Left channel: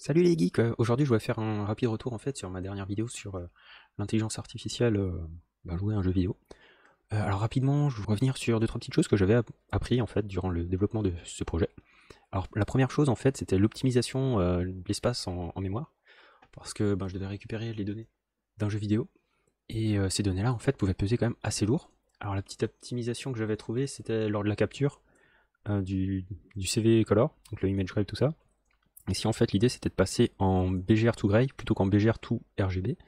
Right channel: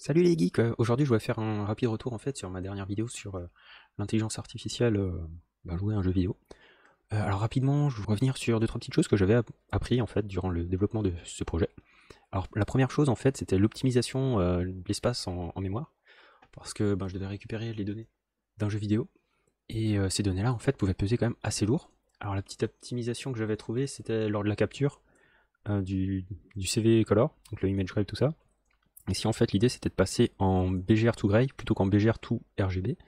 Salut les geeks, aujourd'hui je voulais faire un rapide retour en fait sur ma dernière vidéo sur l'intelligence artificielle jouée à un jeu vidéo. Alors rapidement, je vais revenir sur deux trois petites choses que j'avais appris en fait durant le développement de ce projet. Alors la première chose en fait c'était l'optimisation de l'espace en mémoire, parce que je devais récupérer les données d'un jeu vidéo, et ces données-là en fait pouvaient peser quand même assez lourd. Alors la petite optimisation que j'avais trouvée c'était lors de la capture du CV Color, donc le image grave tout ça. Ici, en fait, l'idée c'était de passer en BGR to Gray plutôt qu'en BGR to RGB.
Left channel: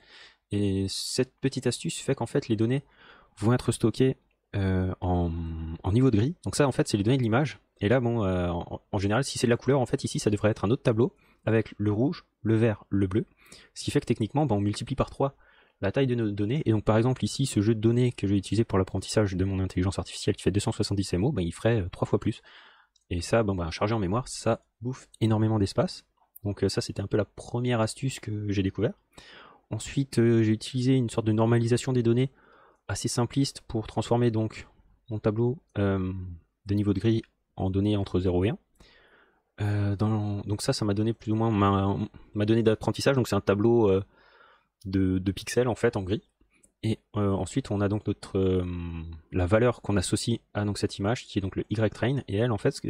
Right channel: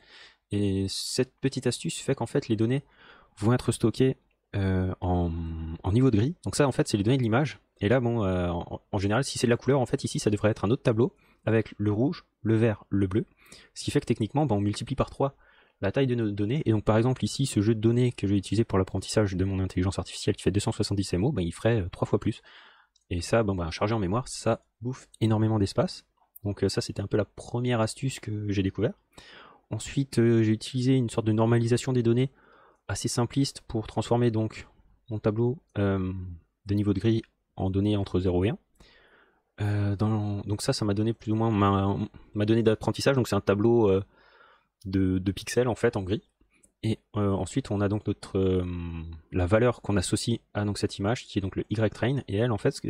Et cette petite astuce fait qu'en fait, les données vont être stockées en niveau de gris. Donc ça, en fait, c'est les données de l'image. Et là, en général, si c'est de la couleur, en fait, ici, ça devrait être un autre tableau avec le rouge, le vert, le bleu. Ce qui fait que techniquement, on multiplie par 3 la taille de nos données. Et donc, par exemple, ici, ce jeu de données que j'ai utilisé pour l'apprentissage de mon intelligence artificielle qui fait 270 MO, il ferait 3 fois plus. Et ça, chargé en mémoire, ça bouffe énormément d'espace. Donc ça, c'était un peu la première astuce que j'ai découvert. Ensuite, j'ai utilisé une sorte de normalisation des données assez simpliste pour transformer donc mon tableau de niveau de gris en données entre 0 et 1. Donc ça m'a donné plus ou moins ma donnée d'apprentissage. Donc c'est un tableau de pixels en fait en gris. Et ensuite, on a donc la valeur qu'on associe à donc cette image, qui est donc le Y-train, et elle en fait,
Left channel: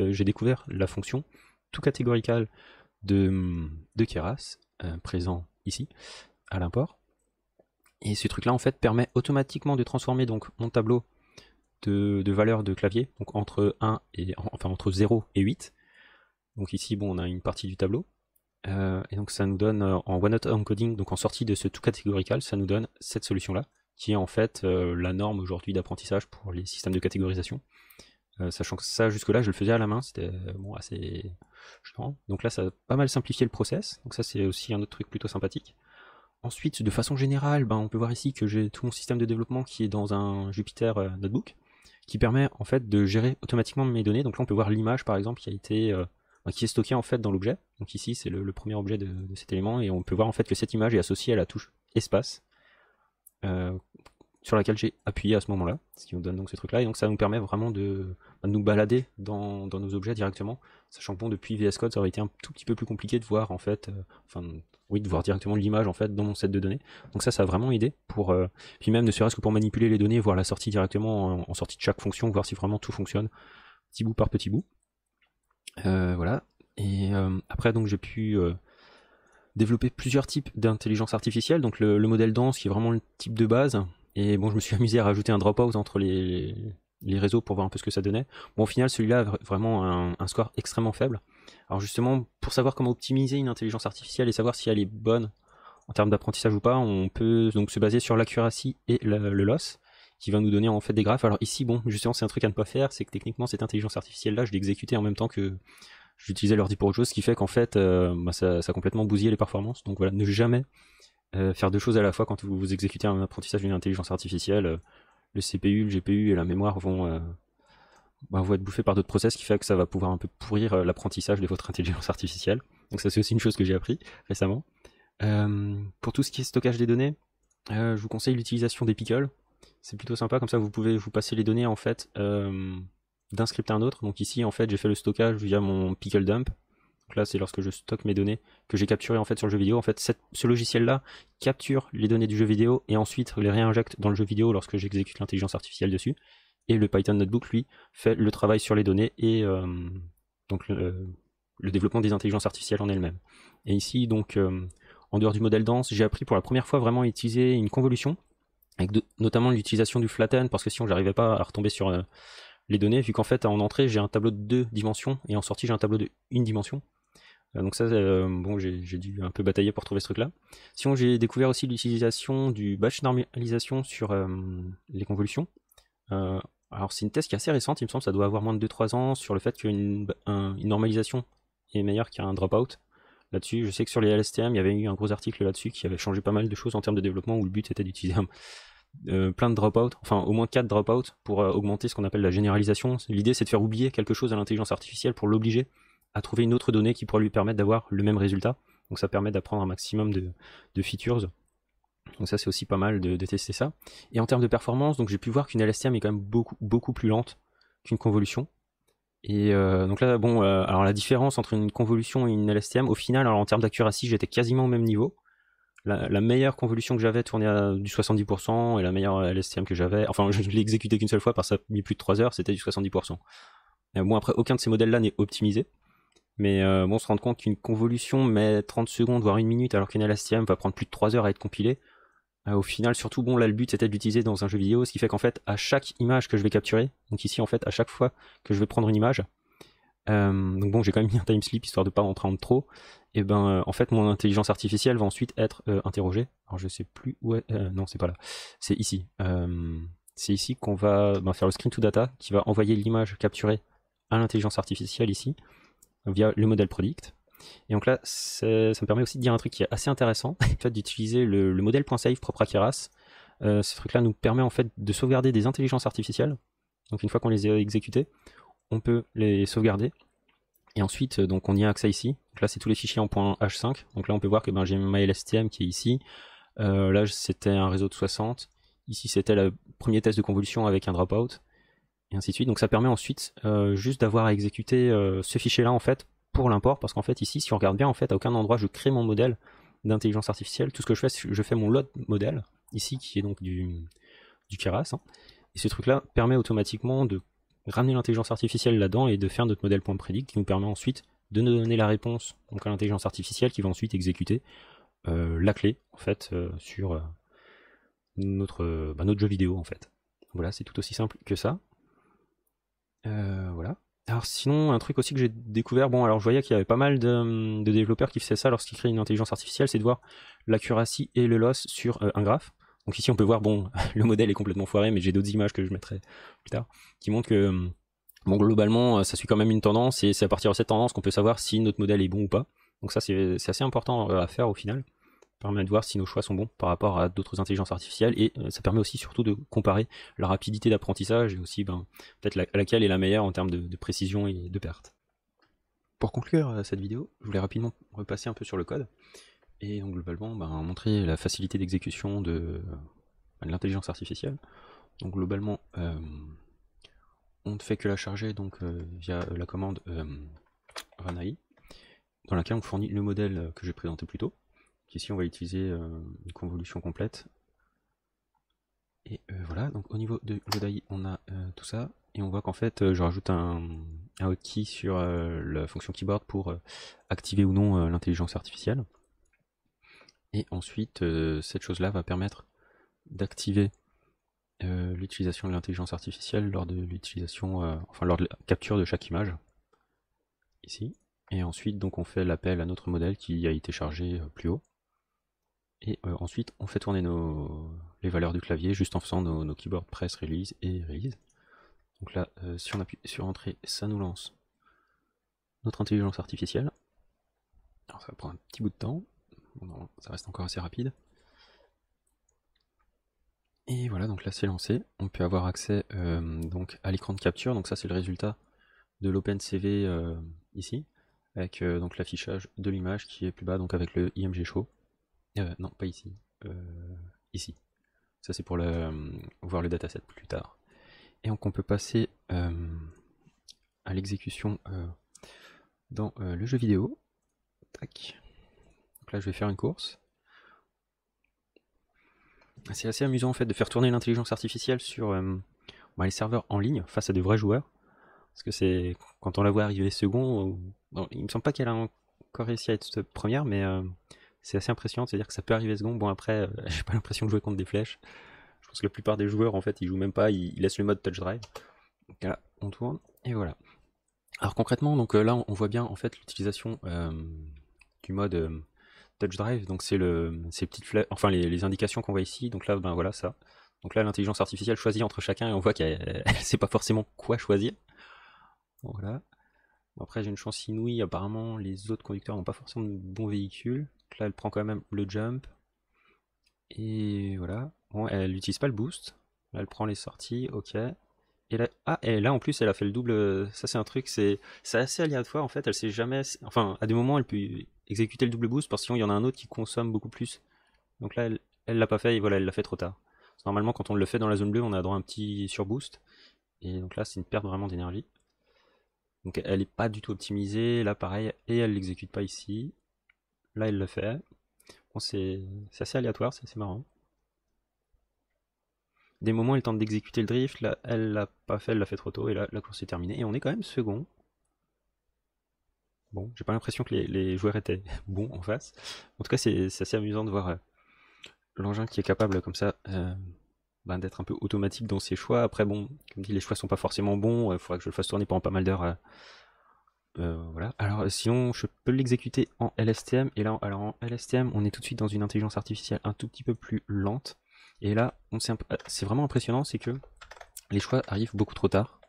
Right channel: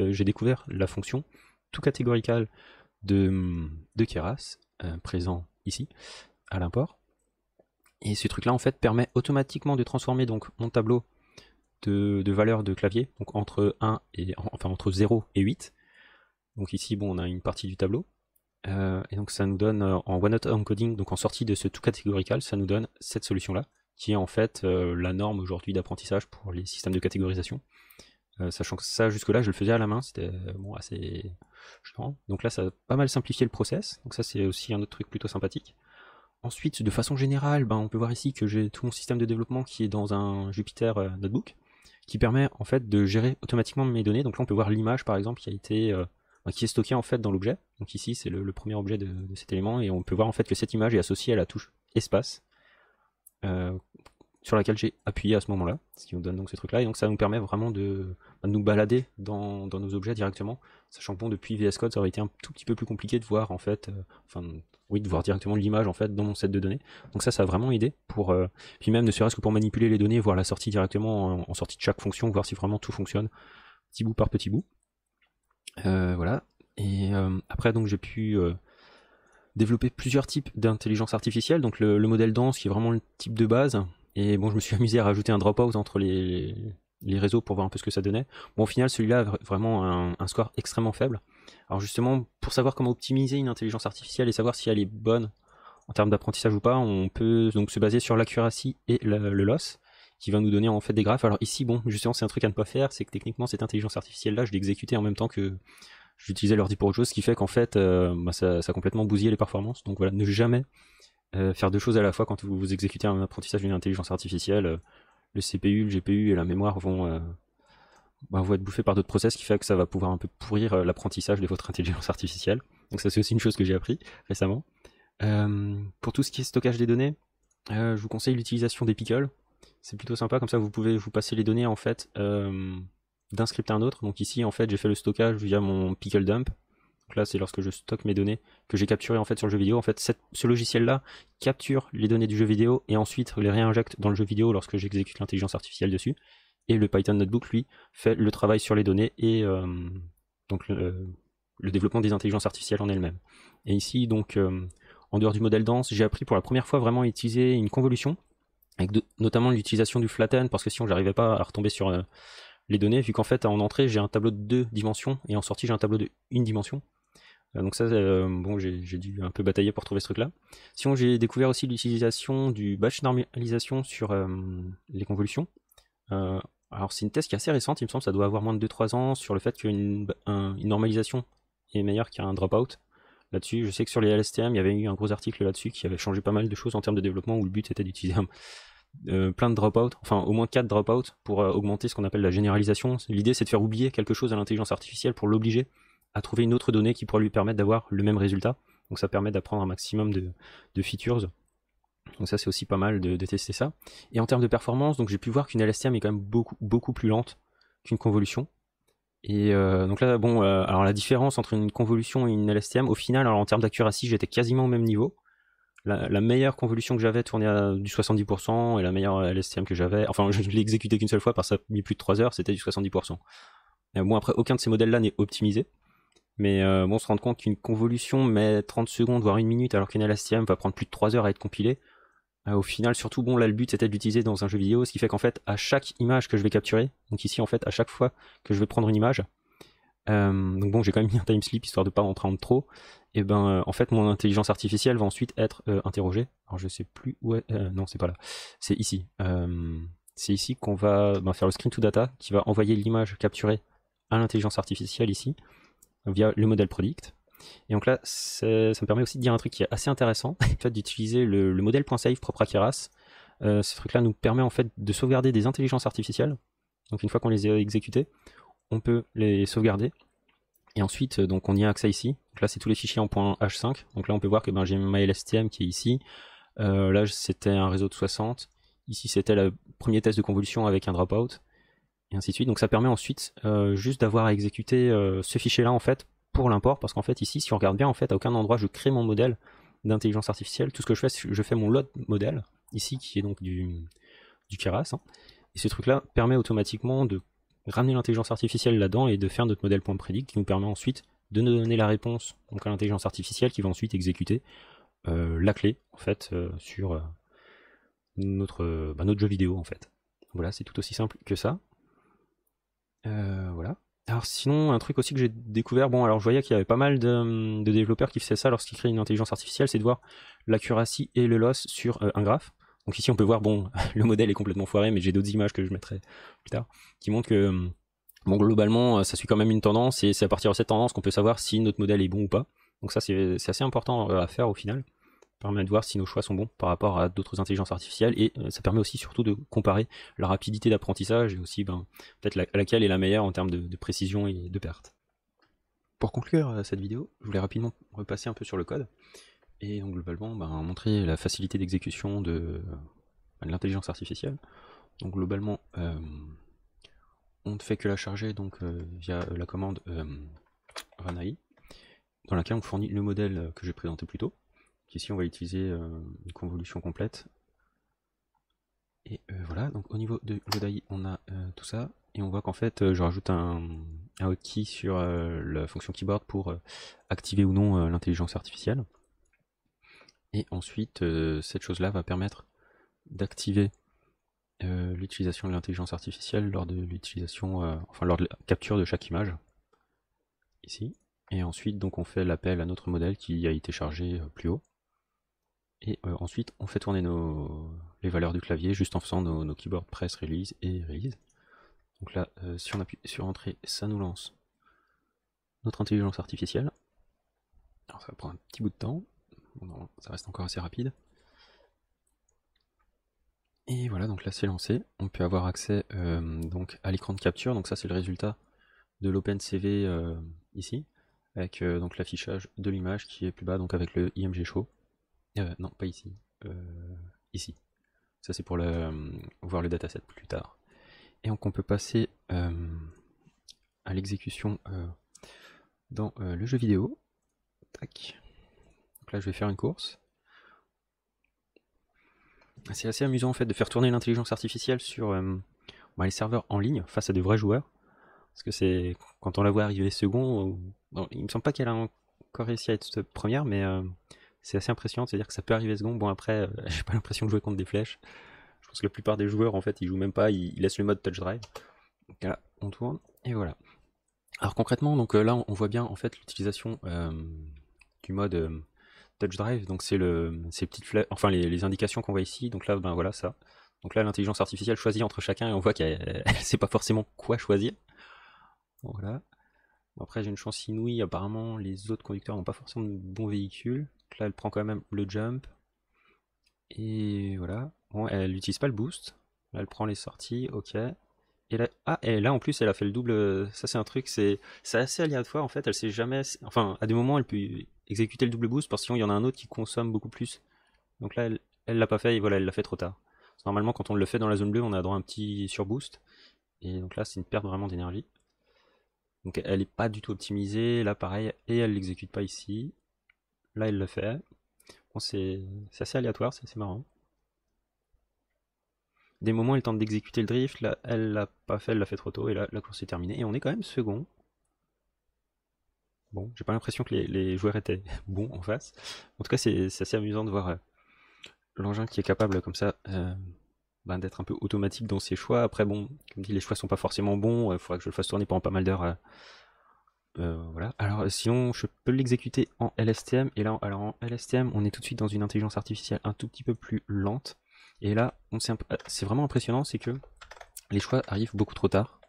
ici, à l'import. Et ce truc là en fait permet automatiquement de transformer donc mon tableau de valeurs de clavier, donc entre 1 et enfin entre 0 et 8. Donc ici on a une partie du tableau. Et donc ça nous donne en one-hot encoding, donc en sortie de ce tout catégorical, ça nous donne cette solution là, qui est en fait la norme aujourd'hui d'apprentissage pour les systèmes de catégorisation. Sachant que ça jusque là je le faisais à la main, c'était assez chiant. Donc là ça a pas mal simplifié le process, donc ça c'est aussi un autre truc plutôt sympathique. Ensuite, de façon générale, on peut voir ici que j'ai tout mon système de développement qui est dans un Jupyter Notebook, qui permet en fait de gérer automatiquement mes données. Donc là, on peut voir l'image par exemple qui a été qui est stockée en fait dans l'objet. Donc ici, c'est le premier objet de cet élément, et on peut voir en fait que cette image est associée à la touche espace euh, sur laquelle j'ai appuyé à ce moment-là, ce qui nous donne donc ce truc-là. Et donc ça nous permet vraiment de nous balader dans nos objets directement, sachant que depuis VS Code, ça aurait été un tout petit peu plus compliqué de voir en fait, de voir directement l'image en fait dans mon set de données. Donc ça a vraiment aidé pour, puis même ne serait-ce que pour manipuler les données, voir la sortie directement en sortie de chaque fonction, voir si vraiment tout fonctionne, petit bout par petit bout. Voilà. Et après donc j'ai pu développer plusieurs types d'intelligence artificielle. Donc le modèle dense qui est vraiment le type de base. Et je me suis amusé à rajouter un dropout entre les réseaux pour voir un peu ce que ça donnait. Au final, celui-là a vraiment un score extrêmement faible. Alors justement, pour savoir comment optimiser une intelligence artificielle et savoir si elle est bonne en termes d'apprentissage ou pas, on peut donc se baser sur l'accuracy et le loss, qui va nous donner en fait des graphes. Alors ici, justement, c'est un truc à ne pas faire, c'est que techniquement, cette intelligence artificielle-là, je l'ai exécutée en même temps que j'utilisais l'ordi pour autre chose, ce qui fait qu'en fait, ça a complètement bousillé les performances. Donc voilà, ne jamais faire deux choses à la fois quand vous exécutez un apprentissage d'une intelligence artificielle. Le CPU, le GPU et la mémoire vont être bouffés par d'autres process, ce qui fait que ça va pouvoir un peu pourrir l'apprentissage de votre intelligence artificielle. Donc c'est aussi une chose que j'ai appris récemment. Pour tout ce qui est stockage des données, je vous conseille l'utilisation des pickles. C'est plutôt sympa, comme ça vous pouvez vous passer les données en fait d'un script à un autre. Donc ici en fait j'ai fait le stockage via mon pickle dump. Donc là c'est lorsque je stocke mes données que j'ai capturées en fait sur le jeu vidéo. En fait ce logiciel là capture les données du jeu vidéo et ensuite les réinjecte dans le jeu vidéo lorsque j'exécute l'intelligence artificielle dessus. Et le Python Notebook lui fait le travail sur les données et donc le développement des intelligences artificielles en elles-mêmes. Et ici donc en dehors du modèle dense, j'ai appris pour la première fois vraiment à utiliser une convolution, avec notamment l'utilisation du flatten, parce que sinon j'arrivais pas à retomber sur les données, vu qu'en fait en entrée j'ai un tableau de 2 dimensions et en sortie j'ai un tableau de 1 dimension. Donc ça, j'ai dû un peu batailler pour trouver ce truc-là. Sinon j'ai découvert aussi l'utilisation du batch normalisation sur les convolutions. Euh, alors c'est une thèse qui est assez récente, il me semble, ça doit avoir moins de 2-3 ans, sur le fait qu'une normalisation est meilleure qu'un dropout là-dessus. Je sais que sur les LSTM, il y avait eu un gros article là-dessus qui avait changé pas mal de choses en termes de développement, où le but était d'utiliser plein de dropouts, enfin au moins 4 dropouts pour augmenter ce qu'on appelle la généralisation. L'idée c'est de faire oublier quelque chose à l'intelligence artificielle pour l'obliger à trouver une autre donnée qui pourrait lui permettre d'avoir le même résultat. Donc ça permet d'apprendre un maximum de features. Donc ça c'est aussi pas mal de tester ça. Et en termes de performance, donc j'ai pu voir qu'une LSTM est quand même beaucoup plus lente qu'une convolution. Et donc là, bon, alors la différence entre une convolution et une LSTM, au final, alors en termes d'accuracy, j'étais quasiment au même niveau. La meilleure convolution que j'avais tournait à du 70%, et la meilleure LSTM que j'avais, enfin je l'ai exécuté qu'une seule fois, parce que ça a mis plus de 3 heures, c'était du 70%. Bon, après, aucun de ces modèles-là n'est optimisé, mais bon, on se rend compte qu'une convolution met 30 secondes, voire 1 minute, alors qu'une LSTM va prendre plus de 3 heures à être compilée. Au final, surtout, bon, là, le but c'était de l'utiliser dans un jeu vidéo, ce qui fait qu'en fait, à chaque image que je vais capturer, donc ici, en fait, à chaque fois que je vais prendre une image, donc bon, j'ai quand même mis un time slip histoire de pas en prendre trop. Et ben, en fait, mon intelligence artificielle va ensuite être interrogée. Alors, je sais plus où est. Non, c'est pas là. C'est ici. C'est ici qu'on va faire le screen to data, qui va envoyer l'image capturée à l'intelligence artificielle ici, via le modèle predict. Et donc là, ça me permet aussi de dire un truc qui est assez intéressant, en fait, d'utiliser le modèle.save propre à Keras. Ce truc-là nous permet en fait de sauvegarder des intelligences artificielles. Donc une fois qu'on les a exécutées, on peut les sauvegarder. Et ensuite, donc on y a accès ici. Donc là, c'est tous les fichiers en .h5. Donc là, on peut voir que j'ai ma LSTM qui est ici. Là, c'était un réseau de 60. Ici, c'était le premier test de convolution avec un dropout. Et ainsi de suite. Donc ça permet ensuite juste d'avoir à exécuter ce fichier-là en fait pour l'import. Parce qu'en fait, ici, si on regarde bien, en fait, à aucun endroit, je crée mon modèle d'intelligence artificielle. Tout ce que je fais, c'est que je fais mon load modèle, ici, qui est donc du Keras. Hein. Et ce truc-là permet automatiquement de ramener l'intelligence artificielle là-dedans et de faire notre modèle.predict qui nous permet ensuite de nous donner la réponse donc à l'intelligence artificielle qui va ensuite exécuter la clé en fait sur notre jeu vidéo en fait. Voilà, c'est tout aussi simple que ça. Voilà. Alors sinon, un truc aussi que j'ai découvert, bon alors je voyais qu'il y avait pas mal de développeurs qui faisaient ça lorsqu'ils créent une intelligence artificielle, c'est de voir l'accuracy et le loss sur un graphe. Donc ici on peut voir, bon, le modèle est complètement foiré, mais j'ai d'autres images que je mettrai plus tard, qui montrent que bon, globalement ça suit quand même une tendance, et c'est à partir de cette tendance qu'on peut savoir si notre modèle est bon ou pas. Donc ça c'est assez important à faire au final. Ça permet de voir si nos choix sont bons par rapport à d'autres intelligences artificielles, et ça permet aussi surtout de comparer la rapidité d'apprentissage et aussi peut-être laquelle est la meilleure en termes de précision et de perte. Pour conclure cette vidéo, je voulais rapidement repasser un peu sur le code et donc globalement montrer la facilité d'exécution de l'intelligence artificielle. Donc globalement, on ne fait que la charger donc via la commande runAI, dans laquelle on fournit le modèle que j'ai présenté plus tôt. Ici on va utiliser une convolution complète. Et voilà, donc au niveau de l'ODAI, on a tout ça. Et on voit qu'en fait, je rajoute un hotkey sur la fonction keyboard pour activer ou non l'intelligence artificielle. Et ensuite, cette chose-là va permettre d'activer l'utilisation de l'intelligence artificielle lors de l'utilisation, lors de la capture de chaque image. Ici. Et ensuite, donc, on fait l'appel à notre modèle qui a été chargé plus haut. Et ensuite, on fait tourner les valeurs du clavier juste en faisant nos keyboard press, release et release. Donc là, si on appuie sur entrée, ça nous lance notre intelligence artificielle. Alors ça va prendre un petit bout de temps. Bon, ça reste encore assez rapide. Et voilà, donc là c'est lancé. On peut avoir accès donc à l'écran de capture. Donc ça c'est le résultat de l'OpenCV ici, avec donc l'affichage de l'image qui est plus bas, donc avec le IMG Show. Non, pas ici. Ici. Ça c'est pour voir le dataset plus tard. Et donc on peut passer à l'exécution dans le jeu vidéo. Tac. Donc là je vais faire une course. C'est assez amusant en fait de faire tourner l'intelligence artificielle sur les serveurs en ligne face à de vrais joueurs. Parce que c'est quand on la voit arriver second, bon, il me semble pas qu'elle a encore réussi à être première, mais c'est assez impressionnant de se dire que ça peut arriver second. Bon après, j'ai pas l'impression de jouer contre des flèches. Je pense que la plupart des joueurs en fait ils jouent même pas, ils laissent le mode touch drive. Donc là on tourne et voilà. Alors concrètement donc là on voit bien en fait l'utilisation du mode touch drive, donc c'est ces petites flèches, enfin les indications qu'on voit ici. Donc là voilà ça. Donc là l'intelligence artificielle choisit entre chacun et on voit qu'elle sait pas forcément quoi choisir. Voilà. Après j'ai une chance inouïe, apparemment les autres conducteurs n'ont pas forcément de bons véhicules. Donc là elle prend quand même le jump. Et voilà. Bon, elle n'utilise pas le boost. Là elle prend les sorties, ok. Et là en plus elle a fait le double. Ça c'est un truc, c'est assez aléatoire en fait. Elle sait jamais. Enfin, à des moments elle peut exécuter le double boost parce que sinon il y en a un autre qui consomme beaucoup plus. Donc là elle l'a pas fait et voilà, elle l'a fait trop tard. Normalement quand on le fait dans la zone bleue, on a droit à un petit surboost. Et donc là c'est une perte vraiment d'énergie. Donc elle n'est pas du tout optimisée, là pareil, et elle l'exécute pas ici. Là elle le fait. Bon, c'est assez aléatoire, c'est assez marrant. Des moments elle tente d'exécuter le drift, là elle l'a pas fait, elle l'a fait trop tôt, et là la course est terminée. Et on est quand même second. Bon, j'ai pas l'impression que les joueurs étaient bons en face. En tout cas, c'est assez amusant de voir l'engin qui est capable comme ça d'être un peu automatique dans ses choix. Après, bon, comme dit, les choix sont pas forcément bons. Il faudra que je le fasse tourner pendant pas mal d'heures. Voilà. Alors, sinon, je peux l'exécuter en LSTM. Et là, alors en LSTM, on est tout de suite dans une intelligence artificielle un tout petit peu plus lente. Et là, c'est vraiment impressionnant, c'est que les choix arrivent beaucoup trop tard.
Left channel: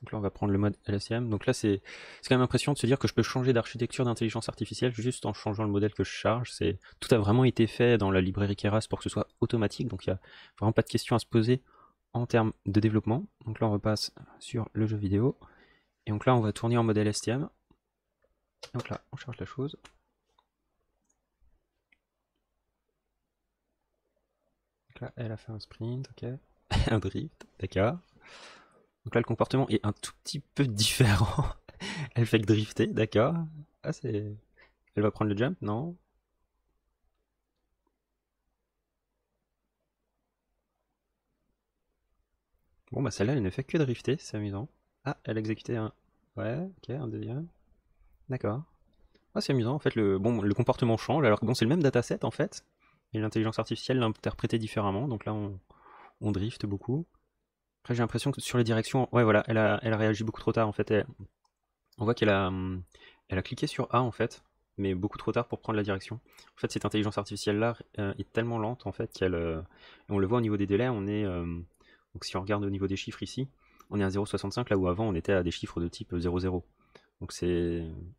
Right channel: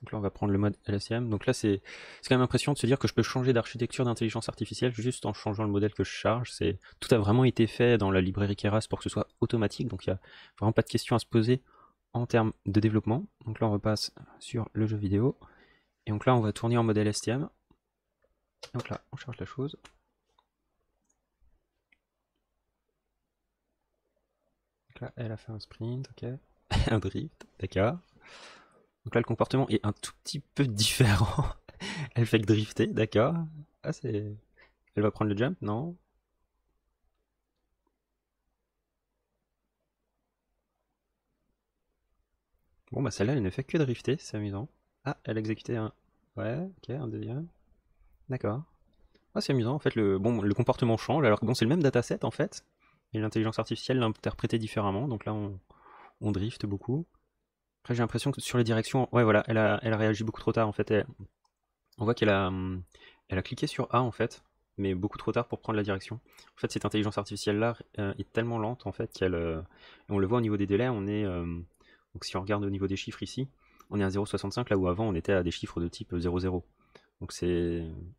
Donc là, on va prendre le mode LSTM. Donc là, c'est quand même impressionnant de se dire que je peux changer d'architecture d'intelligence artificielle juste en changeant le modèle que je charge. Tout a vraiment été fait dans la librairie Keras pour que ce soit automatique. Donc il n'y a vraiment pas de question à se poser en termes de développement. Donc là, on repasse sur le jeu vidéo. Et donc là, on va tourner en mode LSTM. Donc là, on charge la chose. Donc là, elle a fait un sprint, ok. Un drift, d'accord. Donc là, le comportement est un tout petit peu différent. Elle fait que drifter, d'accord. Ah, c'est... Elle va prendre le jump, non? Bon, bah celle-là, elle ne fait que drifter, c'est amusant. Ah, elle a exécuté un... Ouais, ok, un deuxième. D'accord. Ah, c'est amusant, en fait, le comportement change. Alors que bon, c'est le même dataset, en fait. Et l'intelligence artificielle l'a interprété différemment. Donc là, on drift beaucoup. Après, j'ai l'impression que sur les directions... Ouais, voilà, elle a réagi beaucoup trop tard, en fait. On voit elle a cliqué sur A, en fait, mais beaucoup trop tard pour prendre la direction. En fait, cette intelligence artificielle-là est tellement lente, en fait, on le voit au niveau des délais, donc si on regarde au niveau des chiffres ici, on est à 0,65, là où avant on était à des chiffres de type 0,0. Donc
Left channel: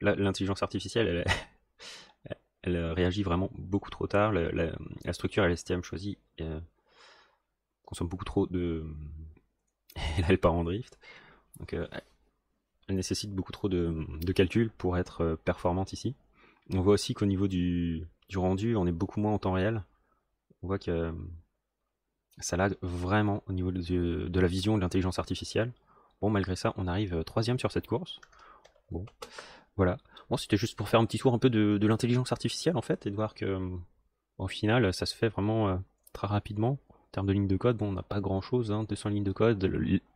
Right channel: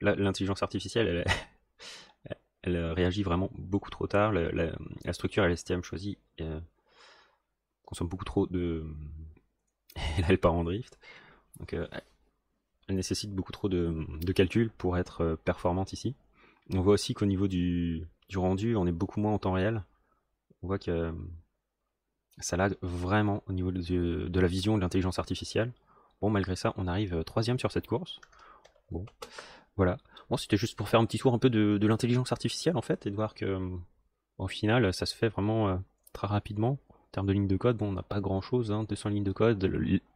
l'intelligence artificielle, elle réagit vraiment beaucoup trop tard. La structure LSTM choisie consomme beaucoup trop de... Et là, elle part en drift. Donc elle nécessite beaucoup trop de calculs pour être performante ici. On voit aussi qu'au niveau du rendu, on est beaucoup moins en temps réel. On voit que l'intelligence artificielle, on va pas qu'on arrive à une certaine chose. Voilà. C'est pour faire un petit tour un peu de l'intelligence artificielle en fait, et voir qu'en final, ça se fait vraiment très rapidement. En termes de ligne de code, on n'a pas grand chose, hein, des lignes de code,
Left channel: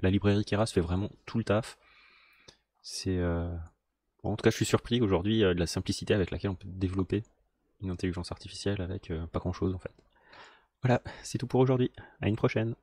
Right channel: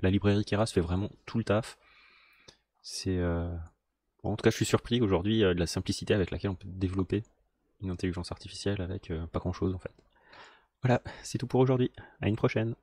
la librairie de Keras fait vraiment tout le tâche. C'est bon, en tout cas, je suis surpris aujourd'hui de la simplicité avec laquelle on peut développer une intelligence artificielle avec pas grand chose en fait. Voilà, c'est tout pour aujourd'hui. À une prochaine.